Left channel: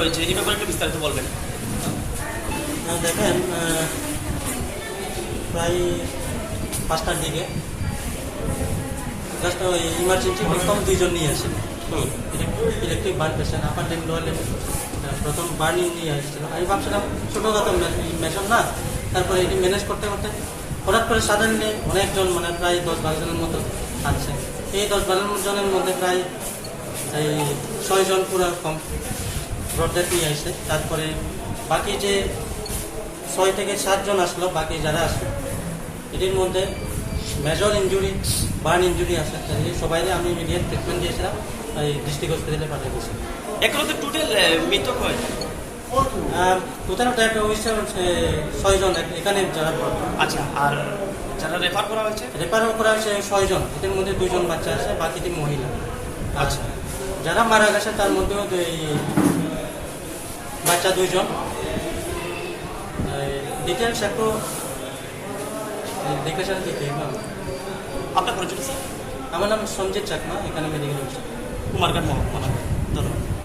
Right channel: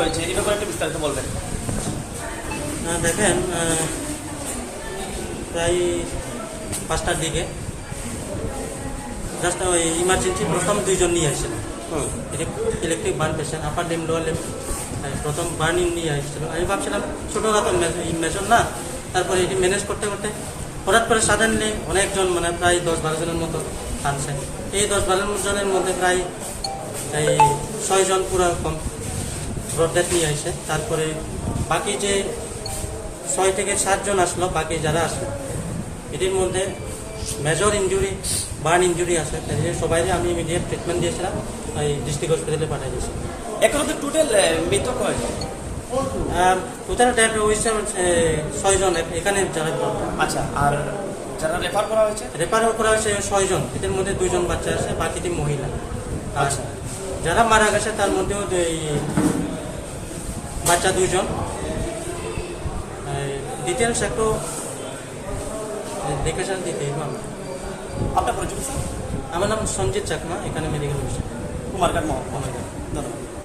হয়েছে এই ব্যাপারে একটু বিস্তারিত বলবেন। দেখেন, প্রায় 5টার দিকে জাস্ট ওই ইমার্জেন্সি প্রথম 2জন নিয়ে আসছিল। ইলেকট্রিক বার্ন পেশেন্ট, আপার লিম লোয়ার লিম, প্রথম বার্নিং নিয়ে আসছিল। আমি ভাবছিলাম ছোটোখাটো মেজর না, তারপরে এটি ম্যানেজ করতে করতে হঠাৎ করে সাডেনলি অনেকজন, মানে প্রায় 10-12 জনের মতো আনছে। এই 10-12 জনের মধ্যে প্রায় এই 6 জন পুরো ব্রড ডেথ নিয়ে আসছে। তারপরে বাকি যে 6 থেকে 7 জন আসলো, বাকি যারা আসলো এটির মধ্যে মেজর ইঞ্জুরি, বার্ন ইঞ্জুরি আছে। সবাই আমি ইমিডিয়েট ট্রিটমেন্ট দিয়েছিলাম, এই ডিস্ট্রিক্ট হসপিটালে পাঠিয়ে দিয়েছি। এখন তো টোটাল মৃত্যু হয় টোটাল ডেথ হয়েছে 6 জন এখানে যারা আচ্ছা, আর যারা রেফার করা হয়েছে রেফারও করা হয়েছে 6 জন। এদের মধ্যে 2 জন বাচ্চা আছে, বাকি 3 মহিলা। আচ্ছা, যারা মারা গেছে তার মধ্যেও বাচ্চা 2 জন। ডিটেলস একটু দেখে স্যার দিতে হবে। আপনার পরিচয় স্যার? আমার নাম সঞ্জিত চাকমা, এখানে মেডিকেল অফিসার, কুমারঘাট মহকুমা। ধন্যবাদ।